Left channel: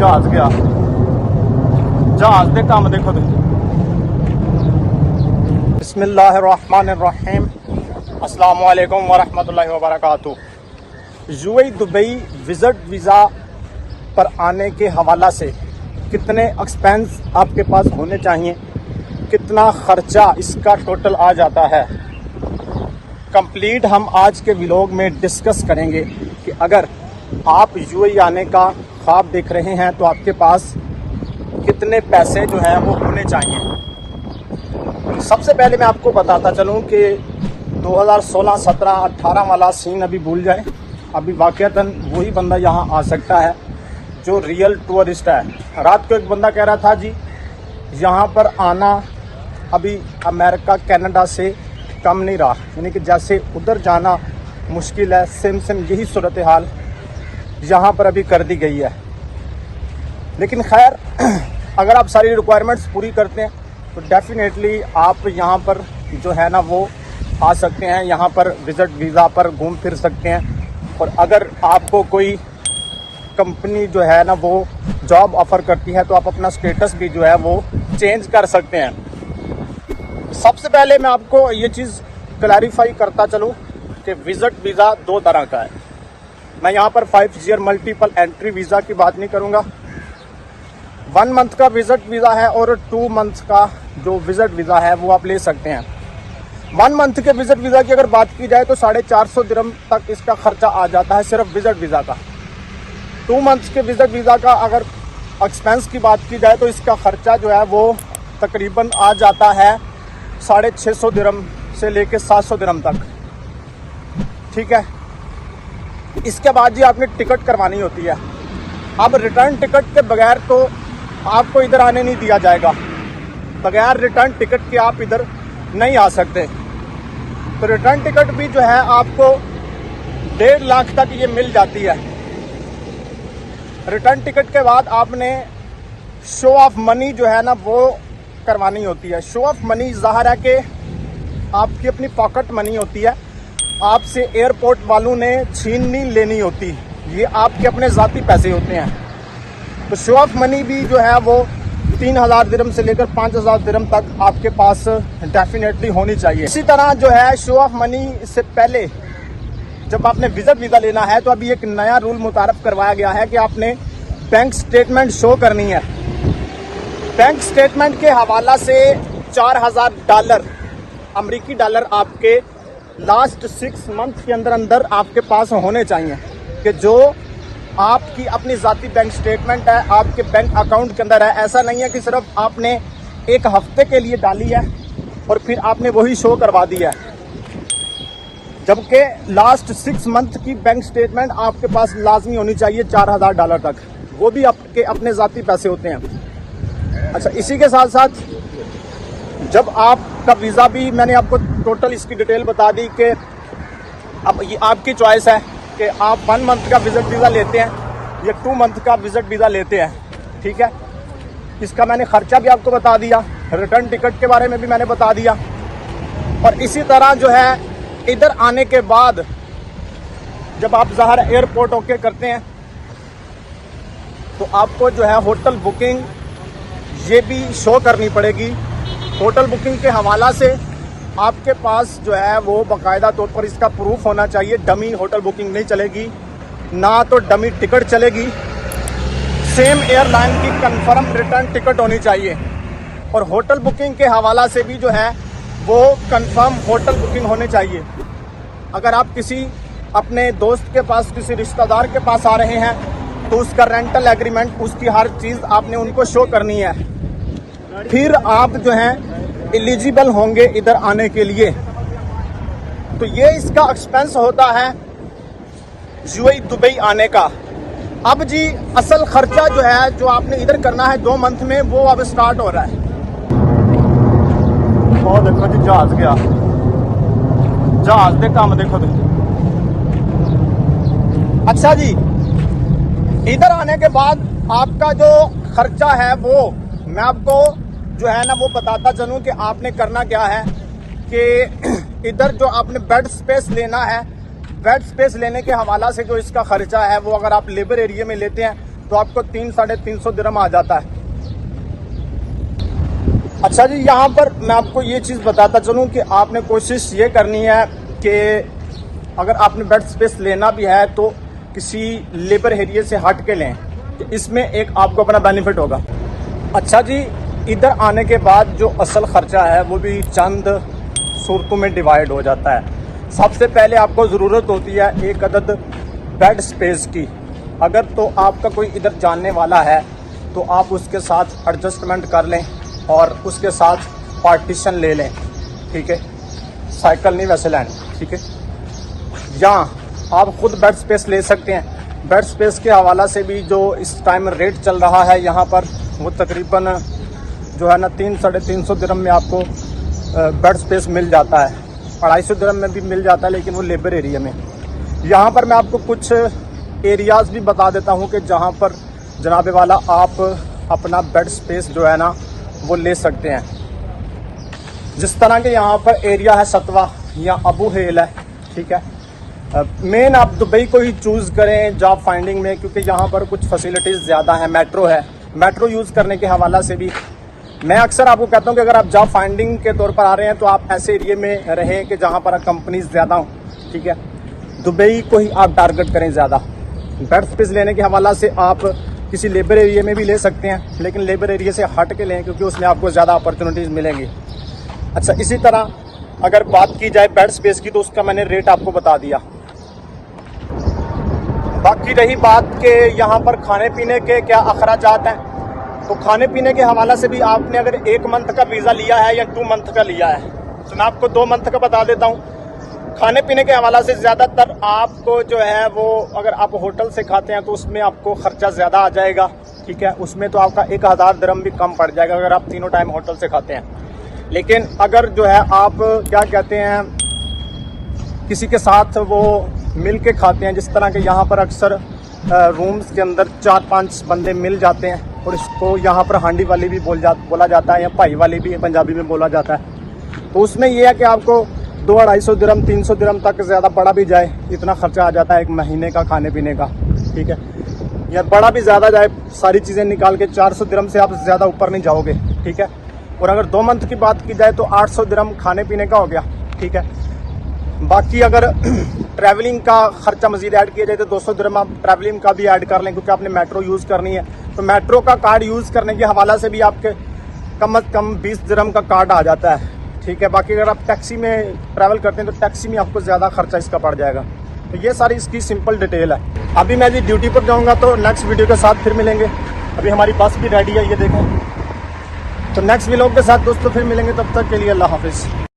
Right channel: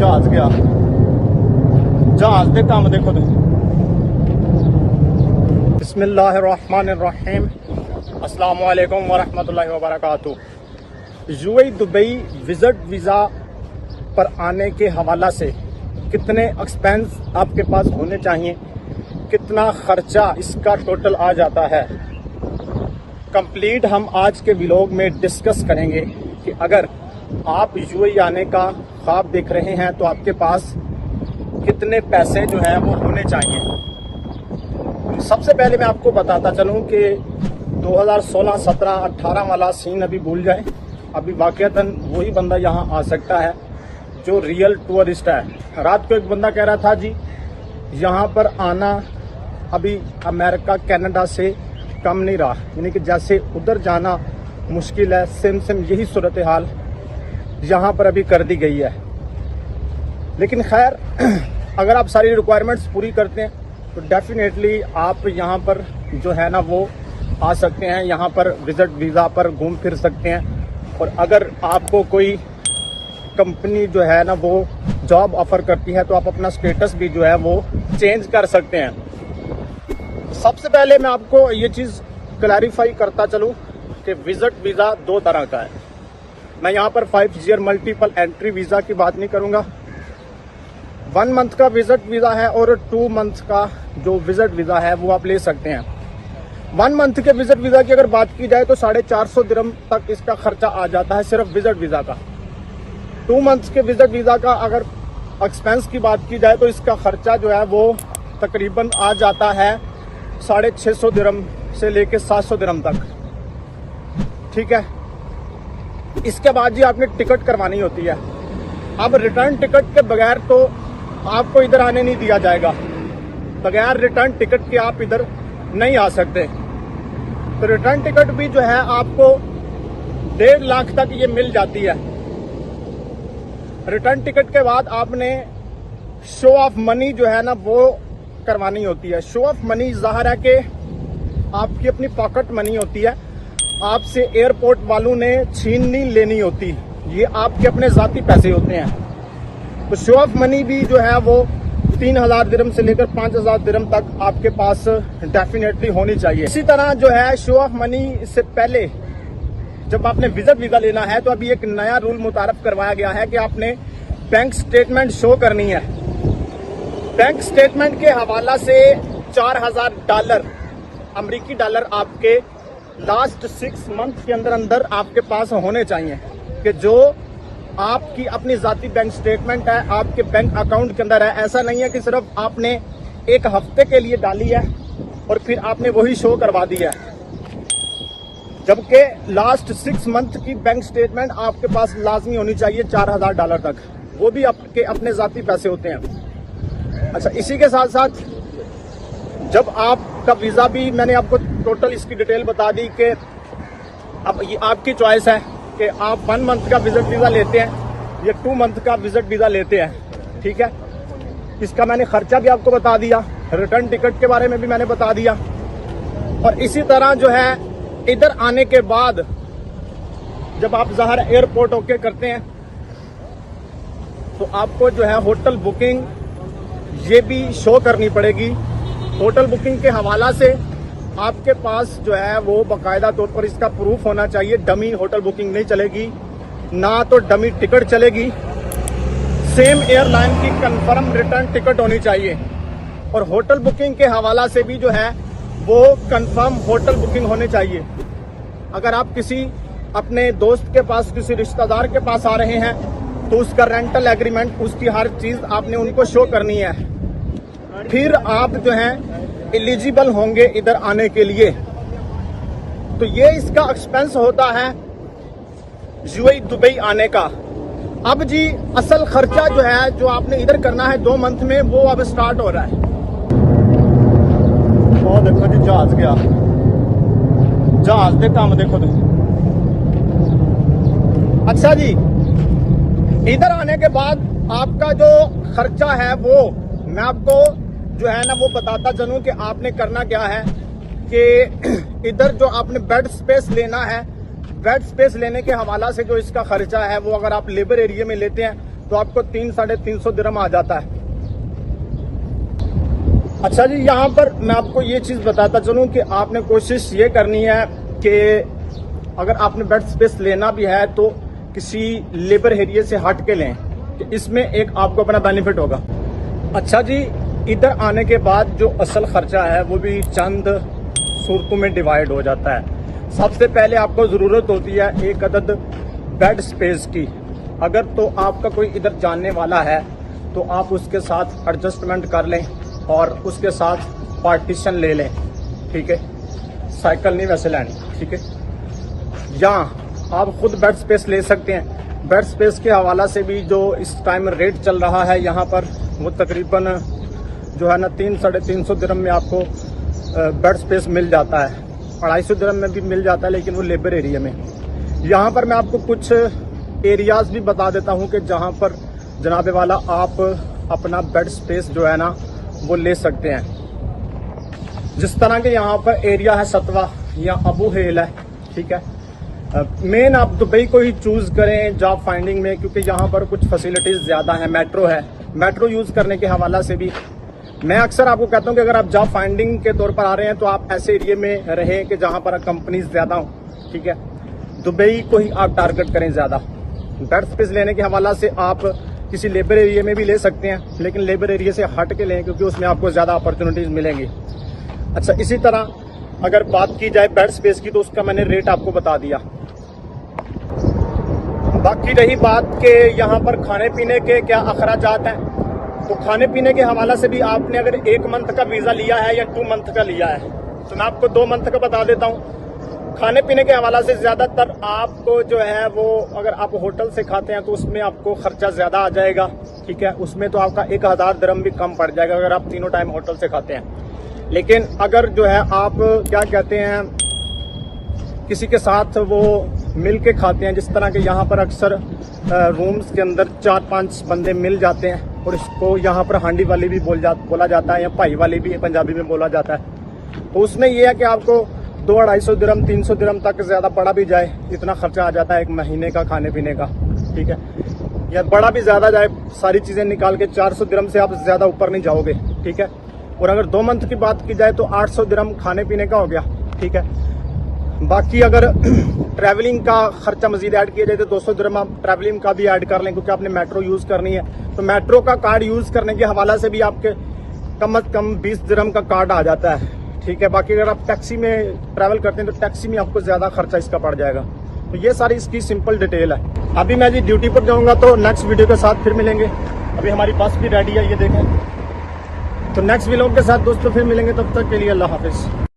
जहाज गया जहाज दे काम देखो तुम। बिस्मिल्लाहिर्रहमानिर्रहीम, अस्सलामु अलैकुम वरहमतुल्लाहि वबरकातुहू। यूएई दुबई विजिट वीज़ा पर आने के हवाला से कितने एक्सपेंस आपके पास होने चाहिए, कितना खर्चा इसका टोटल आ जाता है, कंप्लीट हम आज के व्लॉग में डिस्कस करेंगे कि अगर आप यूएई आने का ख्वाब देख रहे हैं तो आपके पास कितने पैसे जो हैं वो होने चाहिए। सबसे पहले मैं आपको बताता चलूं कि 2016, 17, 18 वाला सीन अभी भूल जाए। अभी वाकईतन वही बंदा यहाँ आ सकता है जो रियल टूरिस्ट है। रात को एक बंदा कह रहा था जी यहाँ पर आना अभी अमेरिका कनाडा से कम नहीं रहा, यानी कि जैसे उधर जाना मुश्किल है, सेम यही सूरत हाल यहाँ पर अभी कर दी गई है। लेकिन खैर अगर आप सारी रिक्वायरमेंट्स पूरी करते हैं तो डेफिनेटली आप यहाँ पर जो है ना वो आ सकते हैं, यहाँ पर विजिट वीज़ा पर घूम फिर सकते हैं। और अगर आपको कोई कंपनी जो है ना वो जॉब ऑफर करती है तो आप अपना स्टेटस भी जो है वो चेंज कर सकते हैं। सबसे पहले मैं आपको ये चीज़ क्लैरिफाई करता चलूँ कि विजिट वीज़ा दो तरह का है। मैं यहाँ पर 5 ईयर मल्टीपल एंट्री वीज़ा की बात नहीं करूँगा। 1 मंथ का विजिट वीज़ा है और 2 मंथ का जो विजिट वीज़ा है वो आप ले सकते हैं। 1 मंथ के विजिट वीज़ा की अगर बात की जाए तो 450 दिरहम तक इसका खर्चा आ जाता है सिर्फ विजिट वीज़ा का। 2 मंथ के विजिट वीज़ा का अगर एक्सपेंस की बात की जाए तो इसका खर्चा जो है वो तकरीबन आ जाता है 650 दिरहम से लेके 700 दिरहम तक, ठीक है। इसके बाद जी आपने टिकट करवानी होती है। अब रिटर्न टिकट के बगैर तो आपको इधर आने नहीं दिया जाएगा, बगैर रिटर्न टिकट के आप इधर नहीं आ सकते। तो रिटर्न टिकट भी जो है आपको 1.5 लाख तक ये मिल जाती है। रिटर्न टिकट के बाद आपने शो ऑफ मनी जो है ना वो करवानी होती है। शो ऑफ मनी ज़ाहिर है कि आपकी अपनी पॉकेट मनी होती है, आपसे एयरपोर्ट वालों ने छीन नहीं लेनी होती, ये आपके अपने ज़ाती पैसे होते हैं। तो शो ऑफ मनी भी जो है वो 3000 दिरहम से लेकर 5000 दिरहम तक आपके पास डेफिनेटली होनी चाहिए। इसी तरह जो है शो ऑफ मनी से पहले जब आपने विजिट वीज़ा लेना है तो अभी एक नया रूल मुतारफ करवाया गया है कि आपने बैंक स्टेटमेंट शो करनी है। बैंक स्टेटमेंट के हवाला से $4000 अमेरिकी डॉलर आपके लास्ट 6 मंथ के अंदर आपके पास होने चाहिए कि जो आपकी अपनी ज़ाती बैंक स्टेटमेंट है आपके बैंक अकाउंट के अंदर है। ऐसा नहीं है कि सिर्फ आपने एक हफ्ते के लिए डाली है और फिर आपने वही शो करवा दिया है, जबकि लास्ट 6 मंथ की बैंक स्टेटमेंट आपके पास लाजमी होनी चाहिए $4000 तक, वो भी आपके अपने ज़ाती पैसे होते हैं। अच्छा, इसी के साथ साथ जब आपका वीज़ा भी मैंने आपको टोटल इसकी डिटेल बता दी कि अब ये आपकी चॉइस है कि आप 1 मंथ का विजिट वीज़ा लेते हैं या 2 मंथ का विजिट वीज़ा लेते हैं, ठीक है। इसका मैंने खर्चा भी आपको बता दिया, रिटर्न टिकट के बारे में भी मैंने बता दिया। और इसी तरह जो है इधर आने के बाद जब आप ज़ाहिर एयरपोर्ट होके करते हैं तो आपको जो है होटल बुकिंग ये भी शो करनी पड़ेगी। होटल बुकिंग के हवाला से आपके पास जो है वो बाकायदा तौर पर इसका प्रूफ होना चाहिए। डमी होटल बुकिंग नहीं चलेगी, ना तो डमी टिकट चलेगी। सेम एयरलाइन की कंफर्म रिटर्न टिकट होनी चाहिए। और होटल बुकिंग के हवाला से भी जो है वो कंफर्म होटल बुकिंग होने चाहिए। अगर आप किसी अपने दोस्त के पास, किसी रिश्तेदार के पास आ रहे हैं तो उसका रेंटल एग्रीमेंट, उसकी हर चीज़ आपने उनको शो करनी है, फिर आप जो हैं एलिजिबल होंगे इधर आने के लिए। तो ये इसका एक्सपेंस होता है यूएई दुबई आने का। अब जी असल खर्चा जो है जो आपने इधर करना है 2 मंथ में वो अब स्टार्ट हो रहा है। और देखो जी जहाज गया, जहाज दे काम देखो तुम। अच्छा जी, इधर आने के बाद आपका जो खर्चा है वो मैं आपको जो है ना वो बताता चलूं कि आपने करना क्या है कि इधर जो आपने बेड स्पेस लेना है, बेड स्पेस लेने के हवाला से जो इसका खर्चा है वो अगर आप लेबर एरिया में लेते हैं तो आपको 300-350 दिरहम आ जाता है। अच्छा जी, यहाँ पर मैं आपको ये चीज़ बताता चलूँ कि आपने कोशिश ये करनी है कि अगर आपने बेड स्पेस लेना भी है तो किसी लेबर एरिया से हट के लें, तो इसमें एक आपको अपना बेनिफिट होगा। अच्छा जी, इधर आने के बाद जो असल खर्चा है वो भी चंद सूरतों में डिवाइड हो जाता है। सबसे पहले आपको ज़रूरत होती है एक अदद बेड स्पेस की। अगर तो आपका कोई इधर जानने वाला है तो आप उसके साथ एडजस्टमेंट कर लें और उसके साथ पार्टीशन ले लें, ठीक है। साइकिल नहीं वैसे लेनी, ठीक है। या आप खुद बेड स्पेस ले सकते हैं। बेड स्पेस के हवाला से भी जो इस टाइम रेट चल रहा है यहाँ पर, वो तकरीबन जो है ना 300-350 दिरहम में आपको बेड स्पेस मिल जाता है। 250 दिरहम में भी मिल जाता है, लेकिन वो लेबर एरिया में। यहाँ पर मैं आपको कुछ एरियाज़ भी बता देता हूँ कि जहाँ पर जनाबे वाला आप अपना बेड स्पेस जो है ना वो ले सकते हैं। जिस तरह के यहाँ पर एरिया है सतवा या अबू हेल है, ठीक है। मेन आप दुबई को ही चूज़ करें जॉब फाइंडिंग में, क्योंकि यहाँ पर कुछ फैसिलिटीज़ ज़्यादा है। मेट्रो है, मेट्रो यूज़ करने के हवाला से भी मैं अक्सर आपको कहता हूँ कि अगर आप जॉब फाइंडिंग के तौर पर आ रहे हैं तो आप ऐसे एरिया में रहें कि जहाँ पर कंपनीज ज़्यादा हों, ठीक है। दुबई को ही आप टारगेट करें ज़्यादा। बेड स्पेस लेने के हवाला से आप किसी लेबर एरिया में भी ले सकते हैं, लेकिन लेबर एरिया से हट के लें क्योंकि उसमें आपको ज़्यादा अपॉर्चुनिटीज़ मिलेंगी। अच्छा, इसी तरह अगर बात की जाए बेड स्पेस की तो उसका मैंने रेट आपको बता दिया। बाकी रही बात के यहाँ पर खाने पीने के क्या अखराजात हैं, तो खाने पीने के हवाला से भी आपने अगर 1 मंथ का वीज़ा लिया है या 2 मंथ का लिया है, तो मैं आपको 2 मंथ का बता देता हूँ। खाने पीने के हवाला से ज़्यादातर आपको जो है वो, अगर आप होटल से खाते हैं तो उसमें आपको खर्चा ज़्यादा आ जाएगा, ठीक है। उसमें तो आपका 1000 दिरहम भी कम पड़ जाएगा अगर आप तीनों टाइम होटल से खाते हैं। लेकिन अगर जो है आप क्या कहते हैं किसी के साथ वो मिल के खाते हैं, जिस तरह के यहाँ पर अक्सर रूम्स के अंदर 4-5 बंदे मिल जाते हैं, और इसको यहाँ पर हांडी वाली भी बोला जाता है या भाई वाली भी पंजाबी में बोला जाता है। तो उसमें यह है कि आपको 200-250 दिरहम 300 दिरहम तक ज़्यादा बड़ा भी जाए इतना खर्चा आ जाता है 1 महीने का खाने पीने का, ठीक है। या बड़ा भी ज़्यादा जाए, सारी चीज़ें निकाल के 400 दिरहम से आप ज़्यादा ऊपर नहीं जाओगे, ठीक है। और अगर 2 मंथ की बात की जाए तो 800 दिरहम खाने पीने का हो गया, ठीक है। बाकी अगर ट्रैवलिंग का खर्चा मजीद ऐड किया जाए तो 200 दिरहम आप ट्रैवलिंग का भी ऐड कर लें, क्योंकि आपने मेट्रो यूज़ करनी है। तो मेट्रो का कार्ड यूज़ करने के हवाला से भी आपके कम अज़ कम 20 दिरहम का कार्ड आ जाता है, ठीक है। बाकी अगर आप टैक्सी में ट्रैवल करते हैं तो टैक्सी में आपको ज़्यादा खर्चा इसका पड़ जाएगा। तो ये सारी इसकी सिंपल डिटेल है। अभी मैं जी ड्यूटी पर जाऊँगा, तो नेक्स्ट वीडियो के साथ फिर मिलेंगे। अभी हमारी बस भी रेडी है, ये देखें। तो नेक्स्ट व्लॉग के साथ दोस्तों फिर मिलेंगे, तब तक के लिए अल्लाह हाफिज़।